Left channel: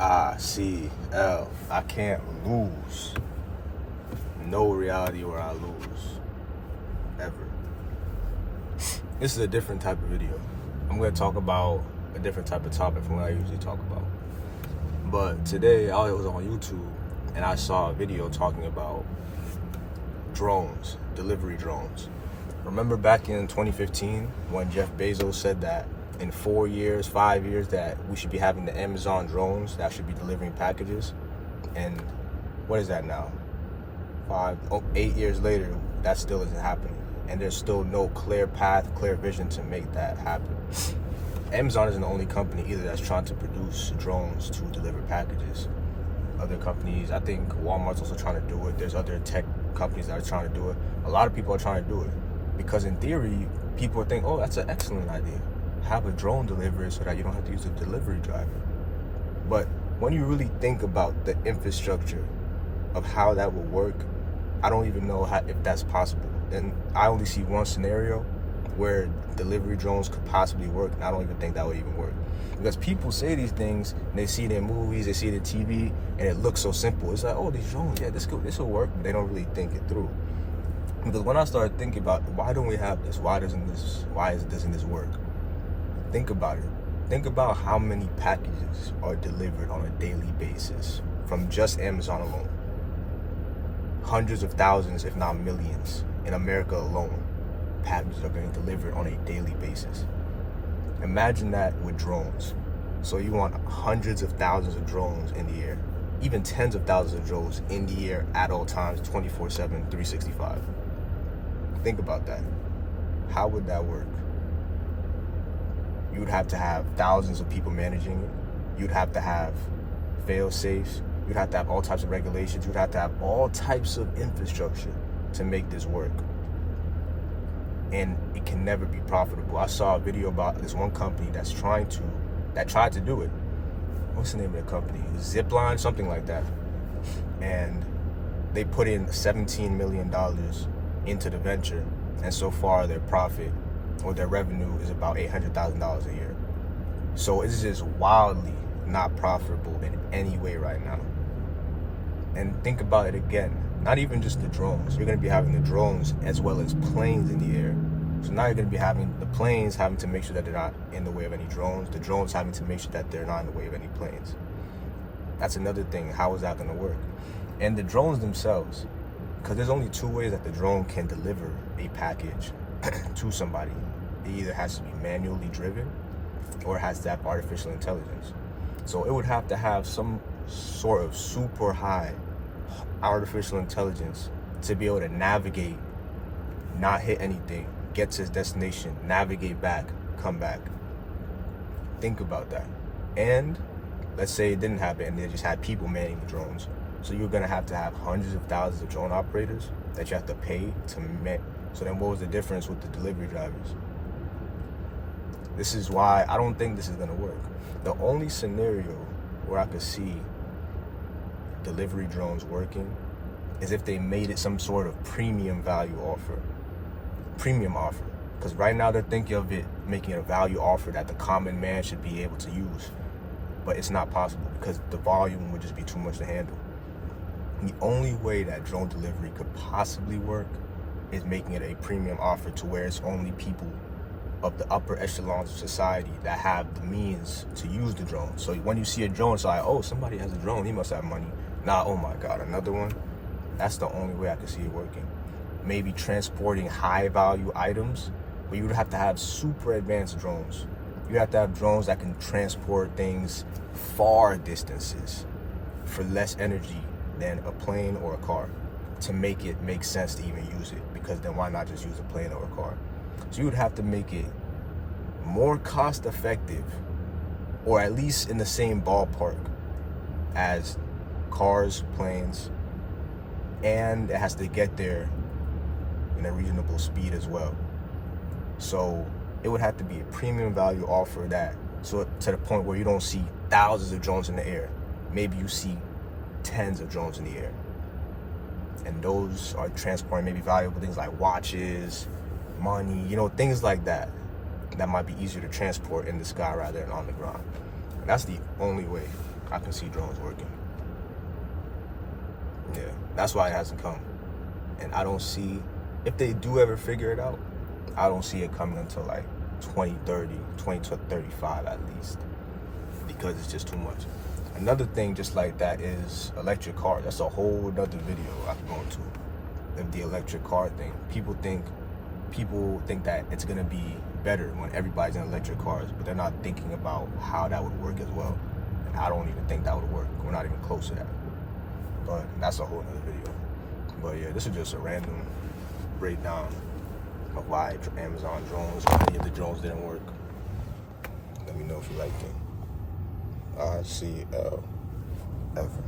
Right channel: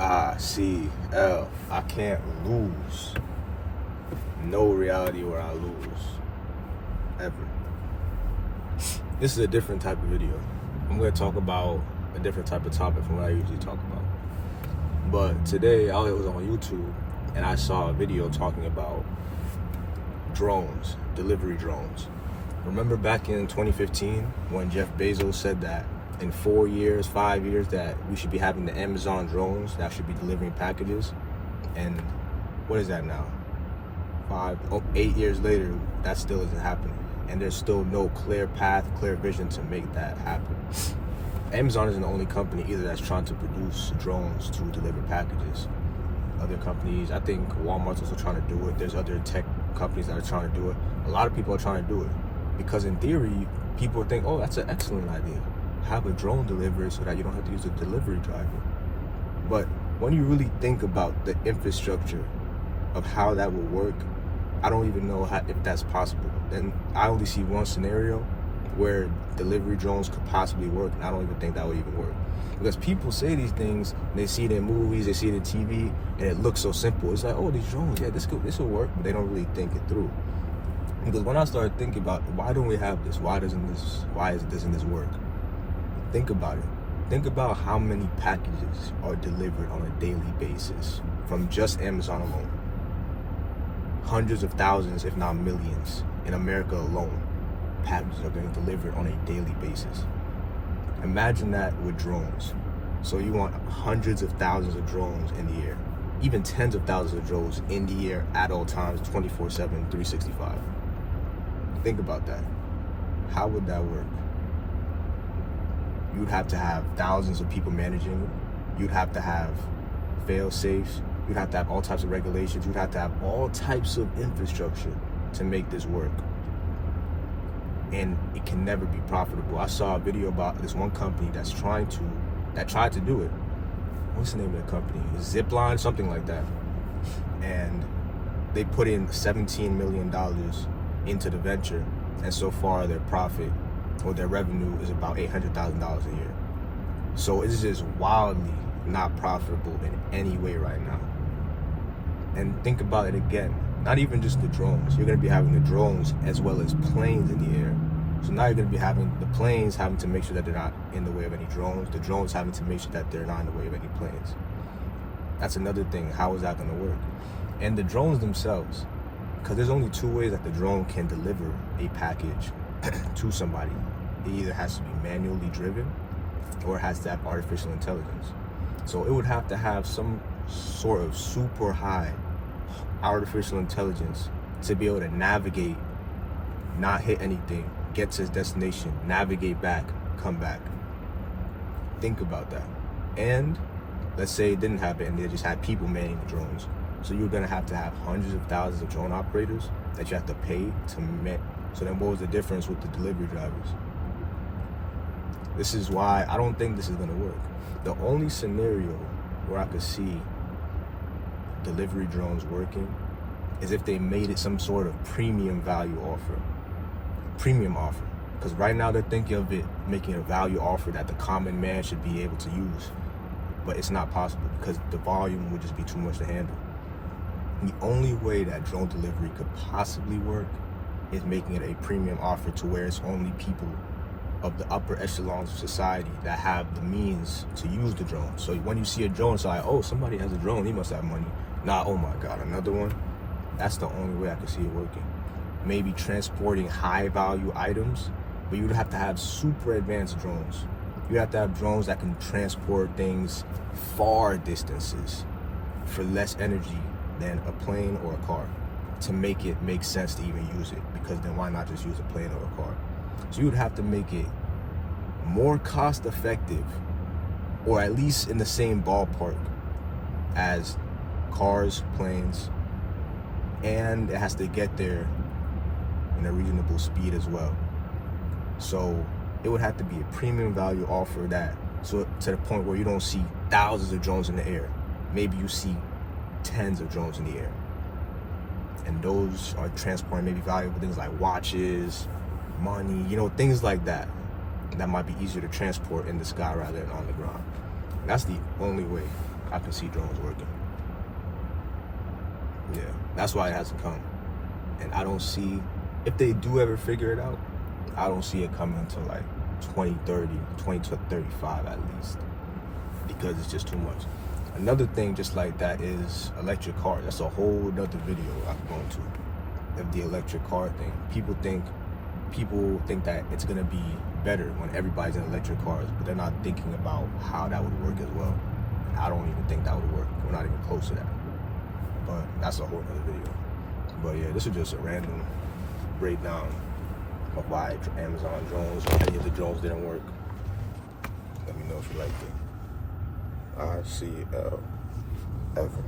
icLAAo. I can't lose. No reality where I lose. Ever. This is a different type of video. I'm going to talk about a different type of topic from what I usually talk about. But today, I was on YouTube and I saw a video talking about drones, delivery drones. Remember back in 2015 when Jeff Bezos said that in 4 years, 5 years, that we should be having the Amazon drones that should be delivering packages? And what is that now? 8 years later, that still isn't happening. And there's still no clear path, clear vision to make that happen. Amazon isn't the only company either that's trying to produce drones to deliver packages. Other companies, I think Walmart's also trying to do it. There's other tech companies that are trying to do it. A lot of people are trying to do it because in theory, people think, oh, that's an excellent idea. Have a drone delivery so that you don't have to use a delivery driver. But when you really think about the infrastructure of how that will work, I don't even know if that's possible. And I only see one scenario where delivery drones could possibly work, and I don't even think that would even work. Because people say these things, and they see it in movies, they see it in TV, and it looks so simple. It's like, oh, these drones, yeah, this will work, but they don't really think it through. Because when I started thinking about why don't we have this, why doesn't this work? Think about it. Think about how many packages are delivered on a daily basis from just Amazon alone. Hundreds of thousands, if not millions, in America alone, packages are being delivered on a daily basis. Imagine that with drones. So you want hundreds of thousands of drones in the air, even tens of thousands of drones in the air at all times, 24/7, 365. Think about that. How would that work? You would have to have thousands of people managing it. You'd have to have fail-safes. You'd have to have all types of regulations. You'd have to have all types of infrastructure to make this work. And it can never be profitable. I saw a video about this one company that tried to do it. What's the name of the company? Zipline, something like that. And they put in $17 million into the venture, and so far their profit or their revenue is about $800,000 a year. So it's just wildly not profitable in any way right now. And think about it again, not even just the drones. You're going to be having the drones as well as planes in the air. So now you're going to be having the planes having to make sure that they're not in the way of any drones, the drones having to make sure that they're not in the way of any planes. That's another thing. How is that going to work? And the drones themselves, because there's only two ways that the drone can deliver a package to somebody. It either has to be manually driven or it has to have artificial intelligence. So it would have to have some sort of super high artificial intelligence to be able to navigate, not hit anything, get to its destination, navigate back, come back. Think about that. And let's say it didn't happen and they just had people manning the drones. So you're gonna have hundreds of thousands of drone operators that you have to pay to man. So then what was the difference with the delivery drivers? This is why I don't think this is gonna work. The only scenario where I could see delivery drones working is if they made it some sort of premium offer. Because right now they're thinking of it making a value offer that the common man should be able to use. But it's not possible because the volume would just be too much to handle. The only way that drone delivery could possibly work is making it a premium offer to where it's only people of the upper echelons of society that have the means to use the drone. So when you see a drone, it's like, oh, somebody has a drone, he must have money. Nah, oh my God, another one? That's the only way I can see it working. Maybe transporting high value items, but you would have to have super advanced drones. You have to have drones that can transport things far distances for less energy than a plane or a car to make it make sense to even use it, because then why not just use a plane or a car? So you would have to make it more cost effective, or at least in the same ballpark as cars, planes, and it has to get there in a reasonable speed as well. So it would have to be a premium value offer to the point where you don't see thousands of drones in the air. Maybe you see tens of drones in the air. And those are transporting maybe valuable things like watches, money, things like that might be easier to transport in the sky rather than on the ground. That's the only way. I can see drones working. Yeah, that's why it hasn't come. And I don't see, if they do ever figure it out, I don't see it coming until like 2030, 2035 at least, because it's just too much. Another thing just like that is electric cars. That's a whole nother video I can go into, of the electric car thing. People think that it's gonna be better when everybody's in electric cars, but they're not thinking about how that would work as well. And I don't even think that would work. We're not even close to that. But that's a whole nother video. But yeah, this is just a random breakdown of why Amazon drones, any of the drones didn't work. Let me know if you liked it. icLAAo ever.